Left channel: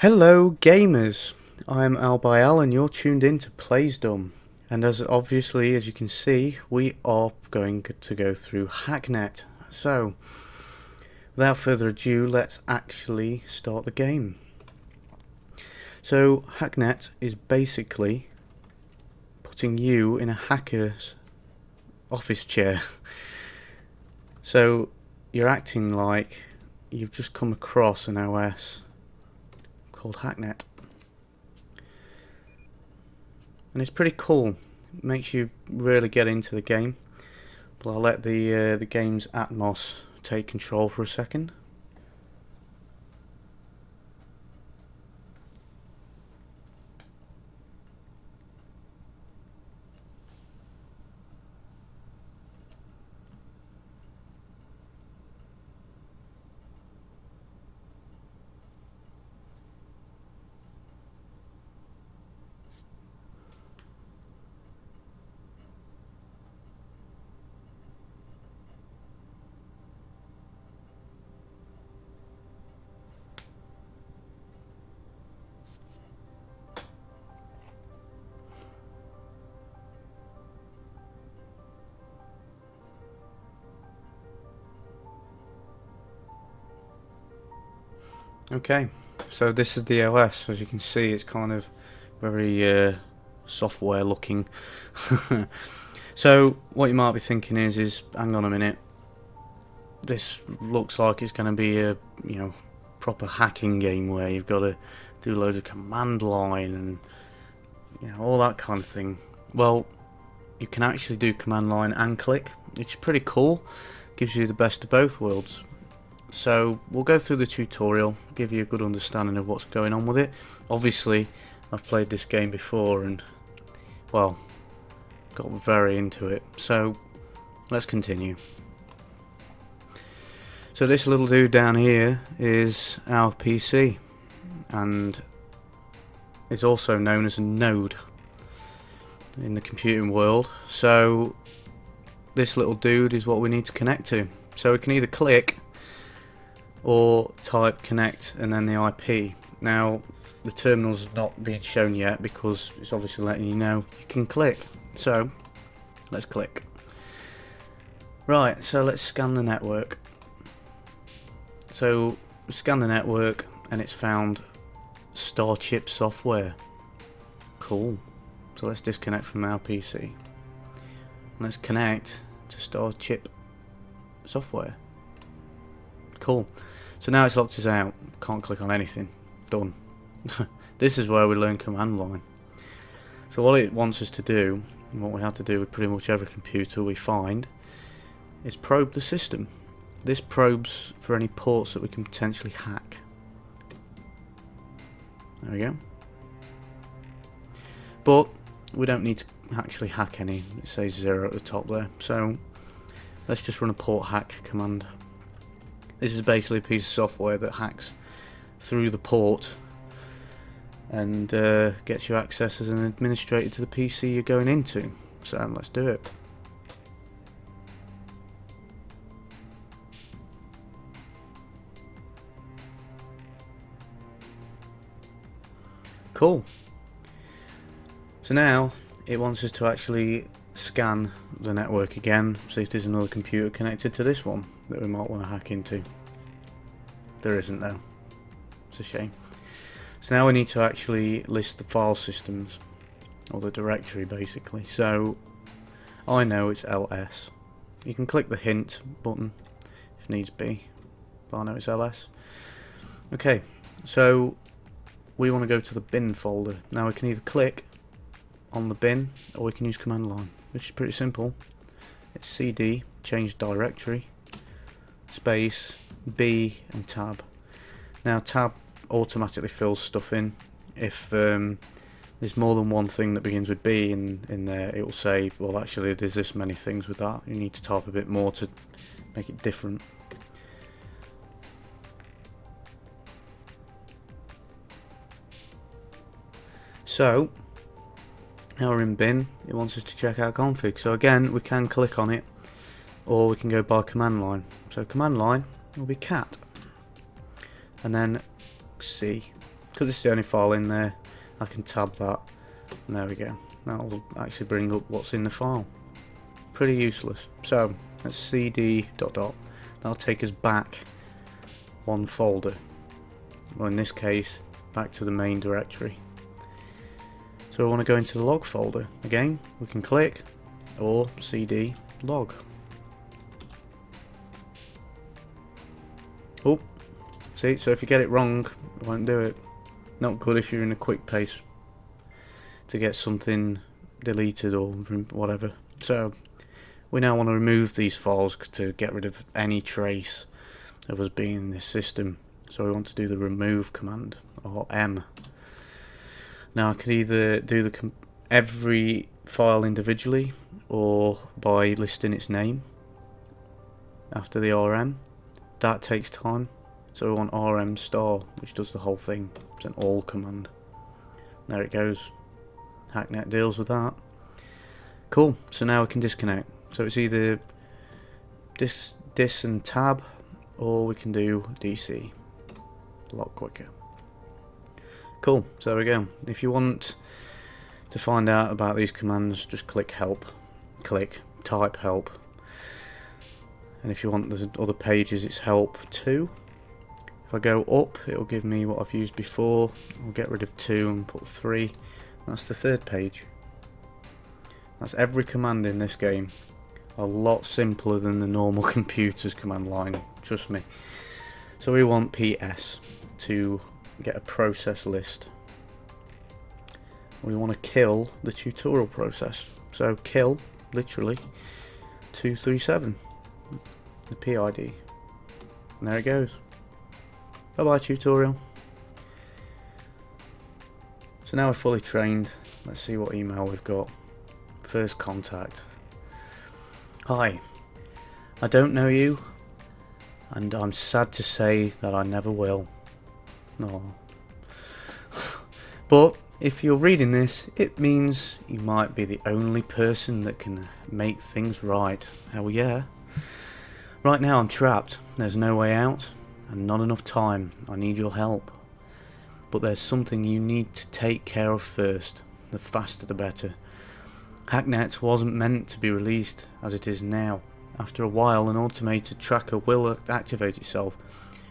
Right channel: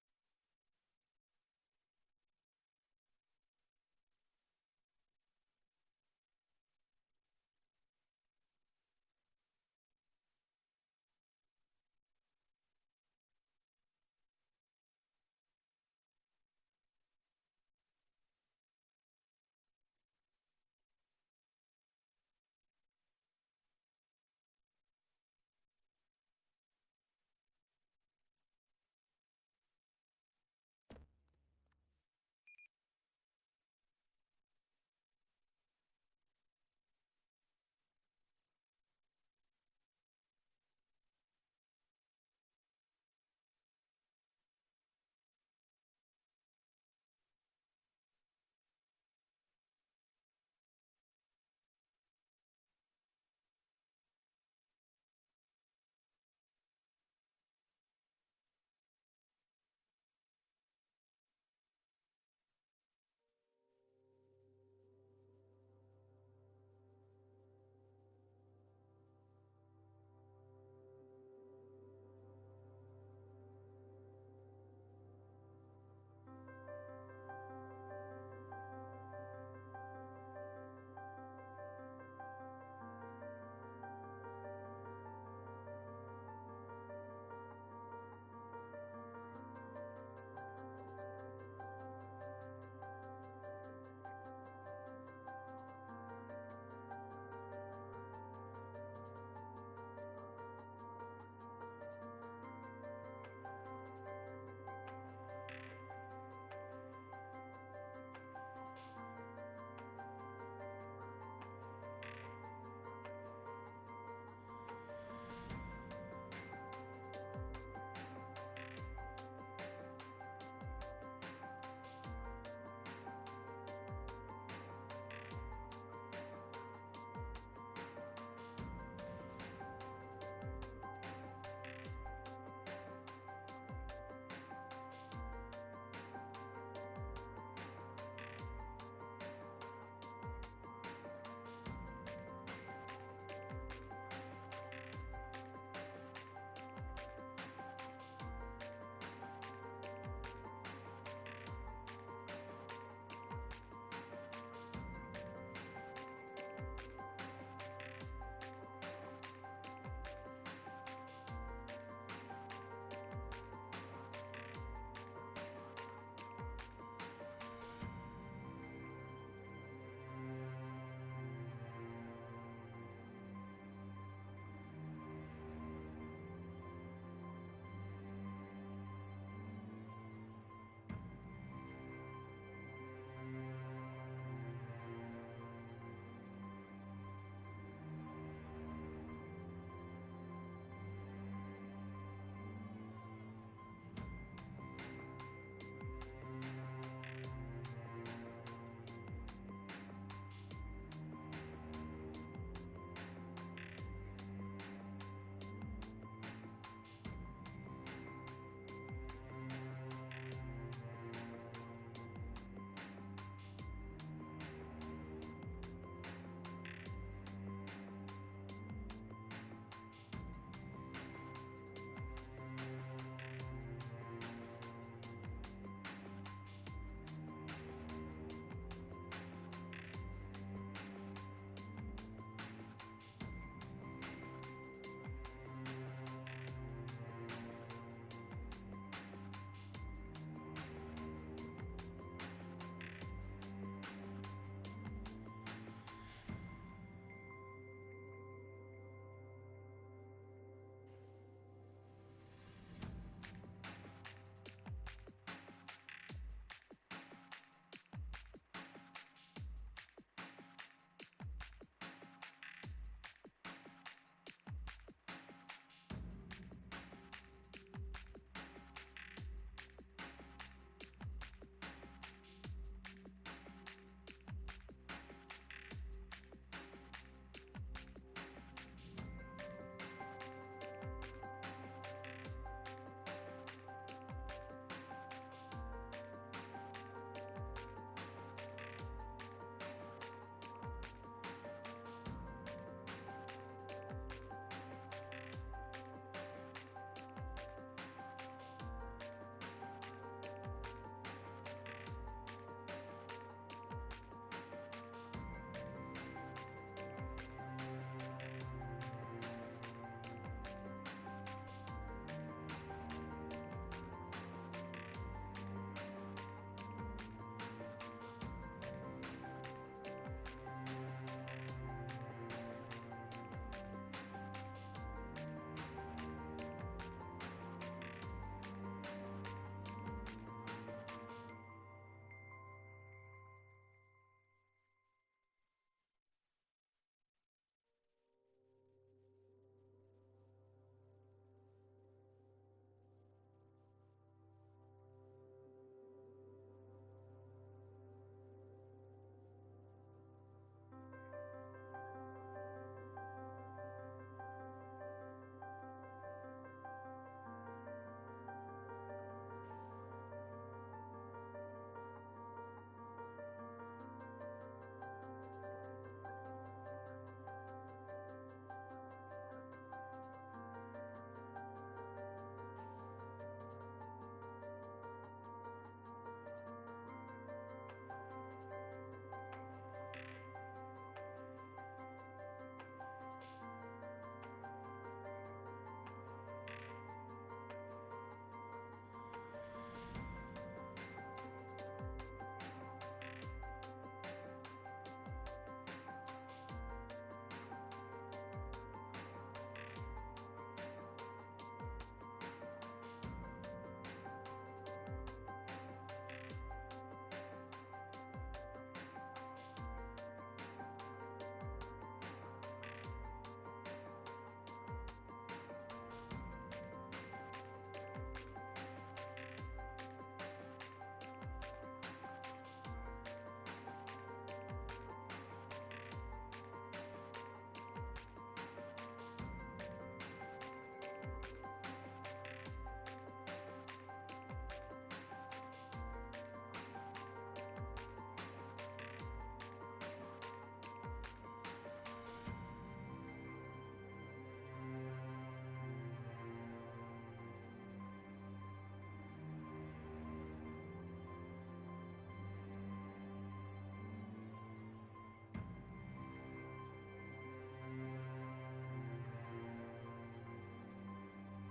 Hello gamers, I'm Albbyel and you're tuned in to Plays and as you can see we are going to go through Hacknet. So without further ado, let's actually start the game. So Hacknet is basically putting you in a hacker's office chair. So you're acting like you've just come across an OS called Hacknet, and it's pretty cool. It makes you really get into the game, but I'll let the game's atmos take control for a second. Okay, so this is the OS. As you can see, it's kind of very software looking. So what you might be thinking is hang on a minute, this looks like it's going to be a proper hacking game where you've got to do loads of command line and all that kind of thing. Well, you can actually do command line and click, which is pretty cool. Gives you the best of both worlds. So we'll go through the tutorial, give you a good understanding of what's going on with it. Obviously I've played this game before and well, got very into it, so let's continue. So this little dude down here is our PC, and is also known as a node in the computing world. So this little dude is what we need to connect to. So we can either click or type connect and then the IP. Now the terminal's not being shown yet because it's obviously letting you know you can click. So let's click. Right, so let's scan the network. So we scan the network and it's found Starchip software. Cool. So let's disconnect from our PC. Let's connect to Starchip software. Cool. So now it's locked us out. Can't click on anything. Done. This is where we learn command line. So what it wants us to do, and what we have to do with pretty much every computer we find, is probe the system. This probes for any ports that we can potentially hack. There we go. But we don't need to actually hack any. It says 0 at the top there. So let's just run a port hack command. This is basically a piece of software that hacks through the port and gets you access as an administrator to the PC you're going into. So let's do it. Cool. So now it wants us to actually scan the network again, see if there's another computer connected to this one that we might want to hack into. There isn't though. It's a shame. So now we need to actually list the file systems, or the directory basically. So I know it's ls. You can click the hint button if needs be, but I know it's ls. Okay, so we want to go to the bin folder. Now we can either click on the bin or we can use command line, which is pretty simple. It's cd, change directory, space, b and tab. Now tab automatically fills stuff in. If there's more than one thing that begins with B in there, it will say, well actually there's this many things with that, you need to type a bit more to make it different. So now we're in bin, it wants us to check out config. So again, we can click on it or we can go by command line. So command line will be cat and then C. because this is the only file in there, I can tab that, and there we go. That'll actually bring up what's in the file. Pretty useless. So let's cd ... That'll take us back one folder, or in this case back to the main directory. So we want to go into the log folder. Again, we can click or cd log. Oh, see, so if you get it wrong, it won't do it. Not good if you're in a quick pace to get something deleted or whatever. So we now want to remove these files to get rid of any trace of us being in this system. So we want to do the remove command, or M. Now I can either do every file individually or by listing its name after the RM. That takes time, so we want RM star, which does the whole thing. It's an all command. There it goes. Hacknet deals with that. Cool, so now we can disconnect. So it's either dis and tab, or we can do DC. A lot quicker. Cool, so there we go. If you want to find out about these commands, just click help. Type help. And if you want the other pages, it's help 2. If I go up, it'll give me what I've used before. I'll get rid of 2 and put 3. That's the 3rd page. That's every command in this game. A lot simpler than the normal computer's command line, trust me. So we want PS to get a process list. We want to kill the tutorial process. So kill, literally, 237, the PID. And there it goes. Bye bye tutorial. So now we're fully trained. Let's see what email we've got. First contact. Hi, I don't know you, and I'm sad to say that I never will. No. But if you're reading this, it means you might be the only person that can make things right. Hell yeah. Right now I'm trapped. There's no way out, and not enough time. I need your help. But there's something you need to take care of first. The faster the better. Hacknet wasn't meant to be released as it is now. After a while, an automated tracker will activate itself.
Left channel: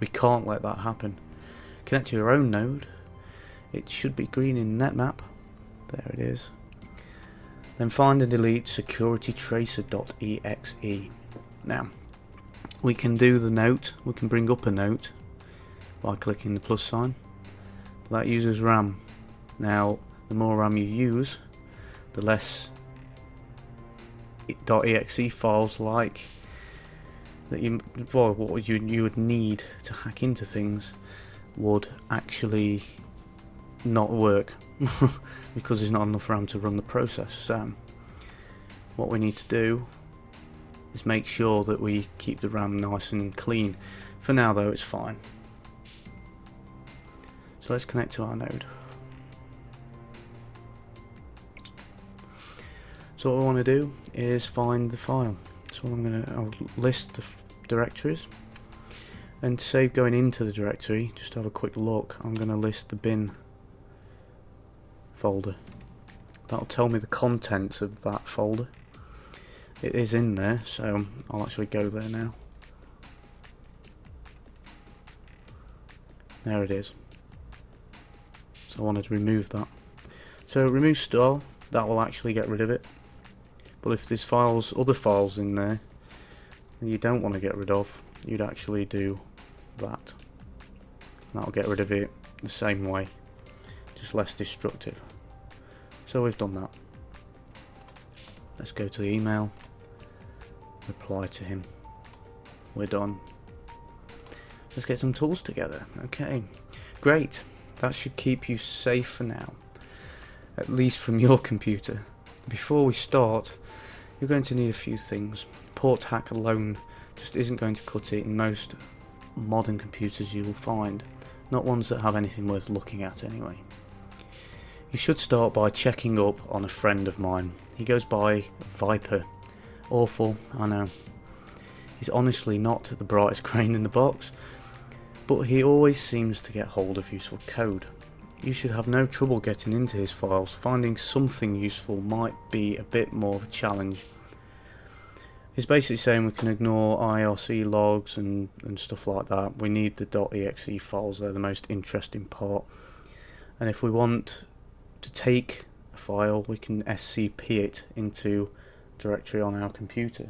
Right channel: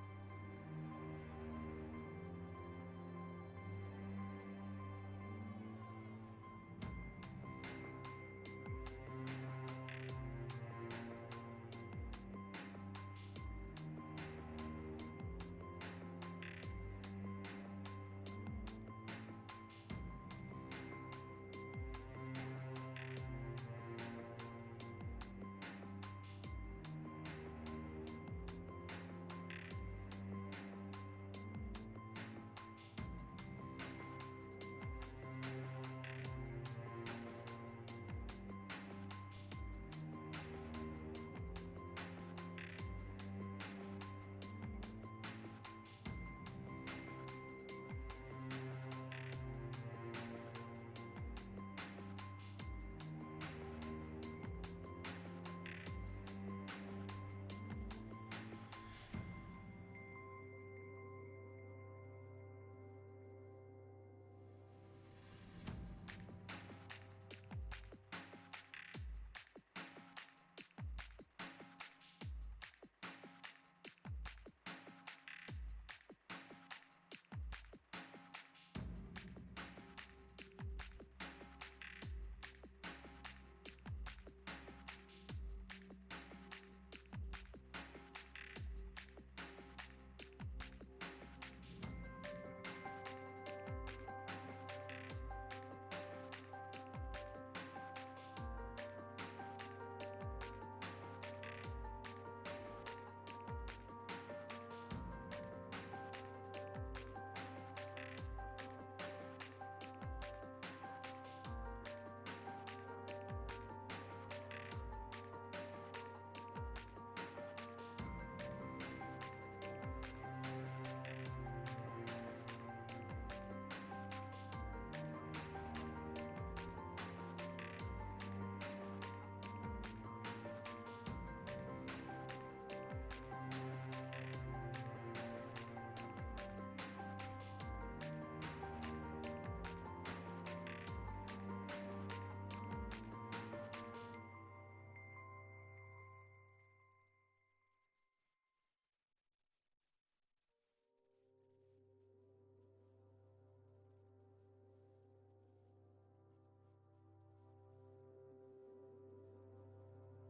We can't let that happen. Connect to your own node. It should be green in netmap. There it is. Then find and delete securitytracer.exe. Now, we can do the note. We can bring up a note by clicking the plus sign. That uses RAM. Now, the more RAM you use, the less .exe files like that what you would need to hack into things would actually not work because there's not enough RAM to run the process. So what we need to do is make sure that we keep the RAM nice and clean. For now though, it's fine. So let's connect to our node. So what I want to do is find the file. So I'll list the directories, and to save going into the directory, just to have a quick look, I'm going to list the bin folder. That'll tell me the contents of that folder. It is in there, so I'll actually go there now. There it is. So I wanted to remove that. So remove style, that will actually get rid of it. But if there's other files in there that you don't want to get rid of, you'd actually do that. That'll get rid of it the same way, just less destructive. So we've done that. Let's go to the email, reply to him. We're done. Let's get some tools together. Okay, great. That should keep you safe for now, at least from your computer. Before we start, you're going to need a few things. Port hack alone just isn't going to cut it in most modern computers you will find, not ones that have anything worth looking at anyway. You should start by checking up on a friend of mine. He goes by Viper. Awful, I know. He's honestly not the brightest grain in the box, but he always seems to get hold of useful code. you should have no trouble getting into his files. Finding something useful might be a bit more of a challenge. It's basically saying we can ignore IRC logs and stuff like that. We need the .exe files, they're the most interesting part. And if we want to take a file, we can SCP it into a directory on our computer.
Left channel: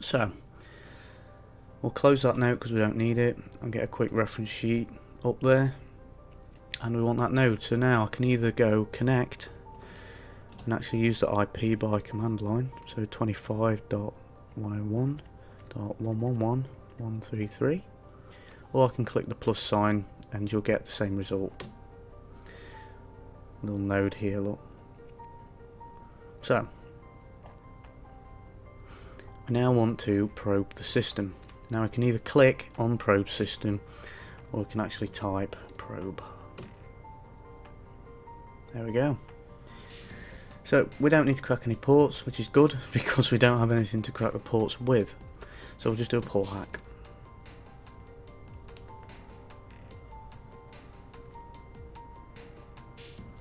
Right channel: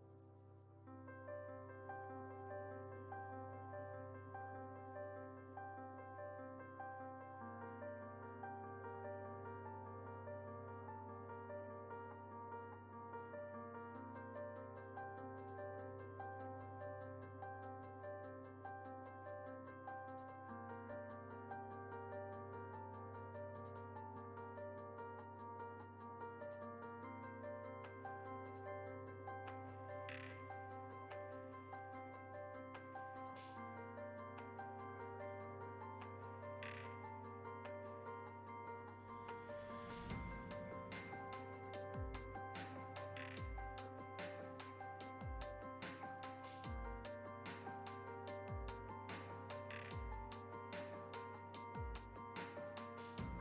So, we'll close that node because we don't need it, and get a quick reference sheet up there. And we want that node, so now I can either go connect and actually use the IP by command line, so 25.101.111.133, or I can click the plus sign and you'll get the same result. Little node here, look. So, I now want to probe the system. Now I can either click on probe system, or we can actually type probe. There we go. So we don't need to crack any ports, which is good because we don't have anything to crack the ports with. So we'll just do a port hack.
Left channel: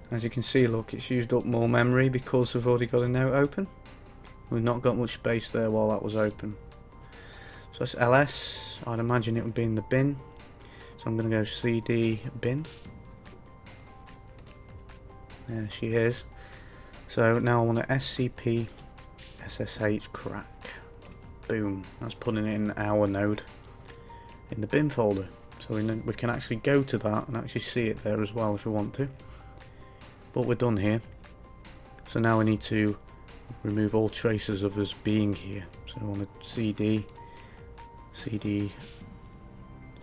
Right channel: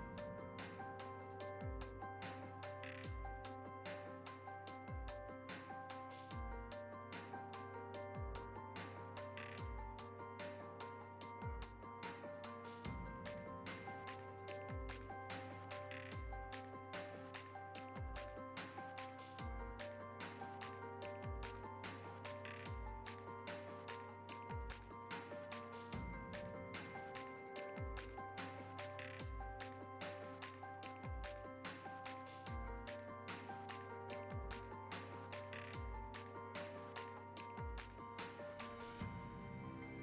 As you can see, look, it's used up more memory because we've already got a note open. We've not got much space there while that was open. So that's ls. I'd imagine it would be in the bin. So I'm going to go cd bin. There she is. So now I want to scp ssh crack. Boom. That's putting it in our node in the bin folder. So we can actually go to that and actually see it there as well if we want to. But we're done here. So now we need to remove all traces of us being here. So I want to cd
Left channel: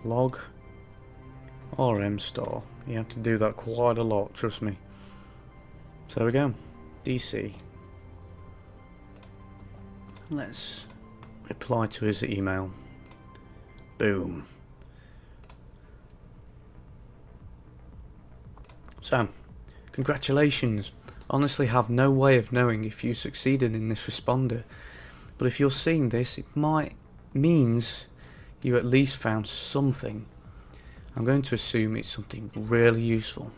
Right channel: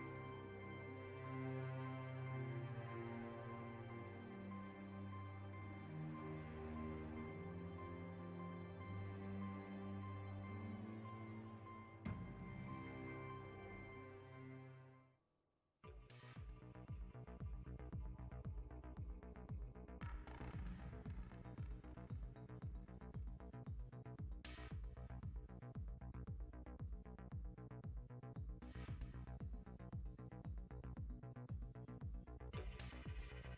log rm star. You have to do that quite a lot, trust me. So there we go. DC. Let's reply to his email. Boom. So, congratulations. Honestly have no way of knowing if you succeeded in this responder, but if you're seeing this, it means you at least found something. I'm going to assume it's something really useful.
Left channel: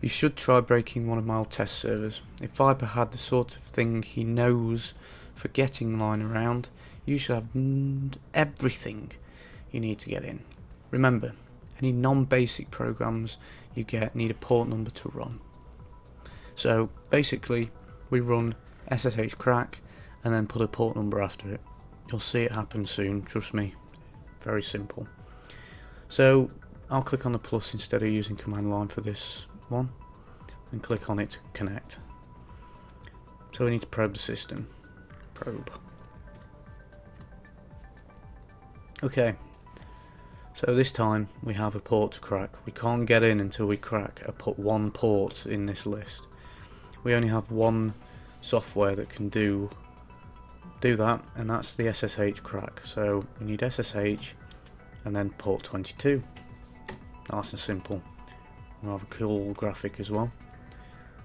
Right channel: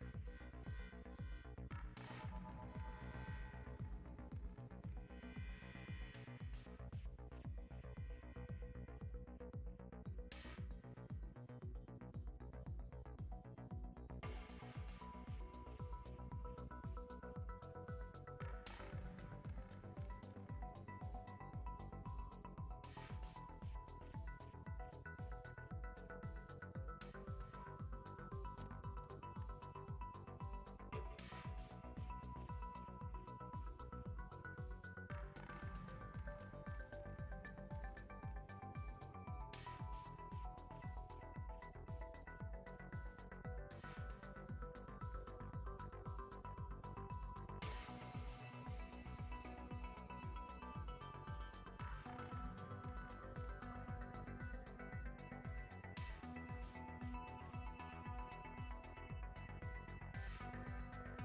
You should try breaking one of my old test servers. If Viper had the sort of thing he knows for getting lying around, you should have everything you need to get in. Remember, any non-basic programs you get need a port number to run. So basically, we run SSH crack and then put a port number after it. You'll see it happen soon, trust me. Very simple. So I'll click on the plus instead of using command line for this one and click on it to connect. So we need to probe the system. Probe. Okay, so this time we have a port to crack. We can't get in until we crack one port in this list. We only have one software that can do that, and that's the SSH crack. So we need SSH and then port 22. Nice and simple. We'll have a cool graphic as well.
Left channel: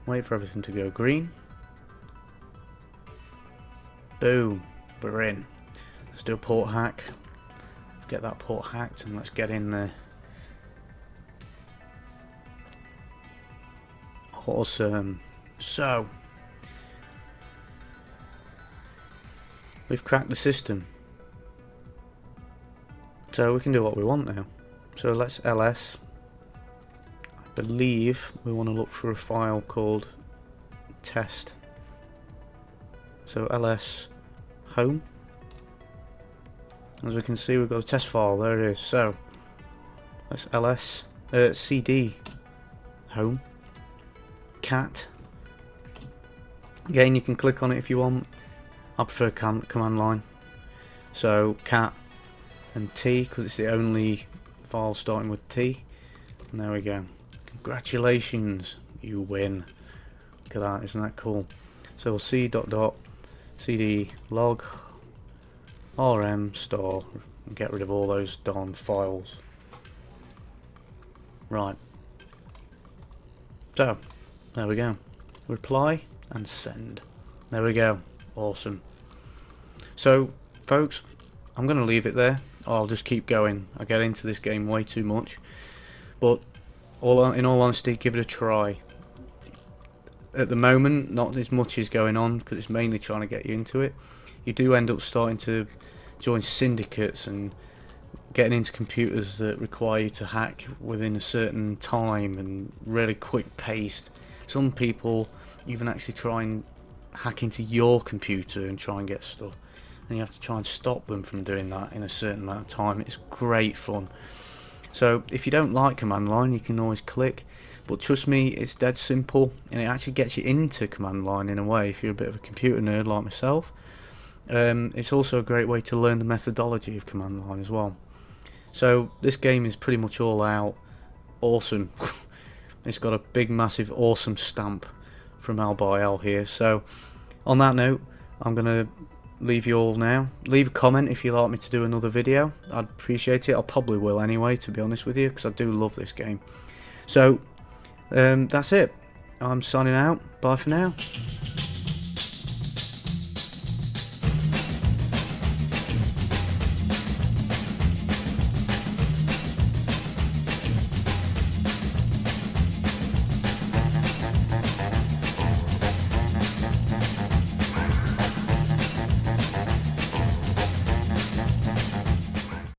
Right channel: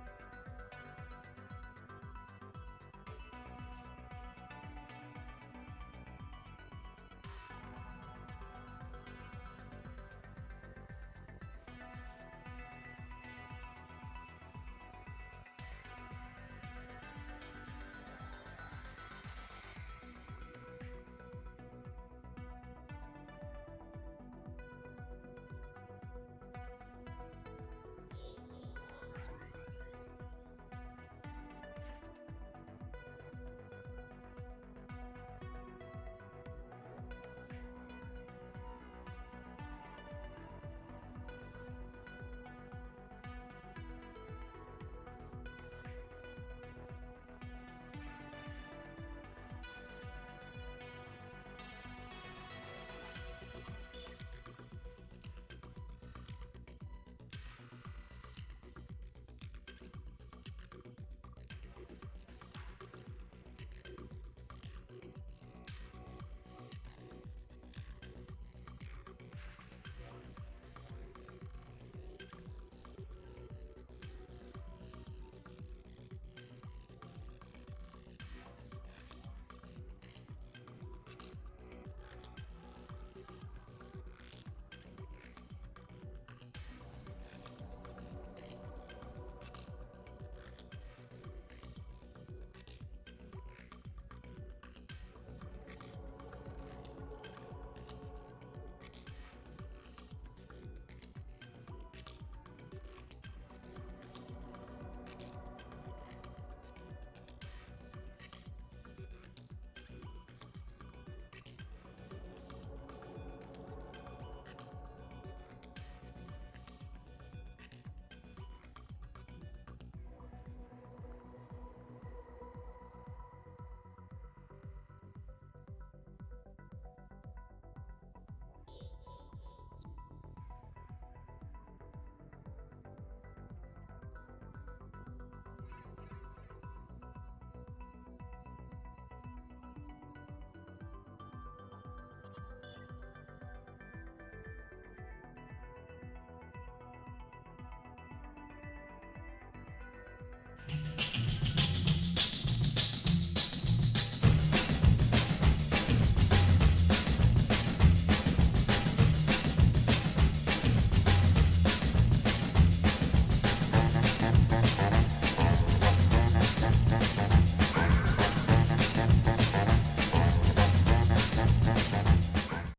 Wait for everything to go green. Boom, we're in. Let's do a port hack. Get that port hacked and let's get in there. Awesome. So, we've cracked the system. So we can do what we want now. So let's ls. I believe we want to look for a file called test. So ls home. As we can see, we've got a test file. There it is. So let's ls cd home cat. Again, you can click on it if you want. I prefer command line. So cat and T, because it's the only file starting with T. And there we go. Congratulations, you win. Look at that, isn't that cool? So we'll see cd log rm star and get rid of all those darn files. Right. So there we go. Reply and send. There we go. Awesome. So folks, I'm going to leave it there. I'll just keep going. I get into this game way too much. But in all honesty, give it a try. At the moment, not as much is going on because it's mainly trying to get you into it. You do end up starting to join syndicates and getting into computers that require you to hack within a certain time and really quick paced. Some people even actually try and hack into your computer and try and get stuff, and you have to try and stop them from doing that in a certain amount of time. It's great fun. So if you don't like command line, you can always click, but trust me, it's dead simple, and it actually gets you into command line in a way if you're a bit of a computer nerd like myself. It's also a great way to learn the methodology of command line as well. So this game is pretty much all out awesome. It's got a big massive awesome stamp from Albbyel here. So on that note, I'm gonna leave you all now. Leave a comment if you'd like me to do another video. I'd appreciate it. I probably will anyway, to be honest with you, because I do love this game. So that's it. I'm signing out. Bye for now.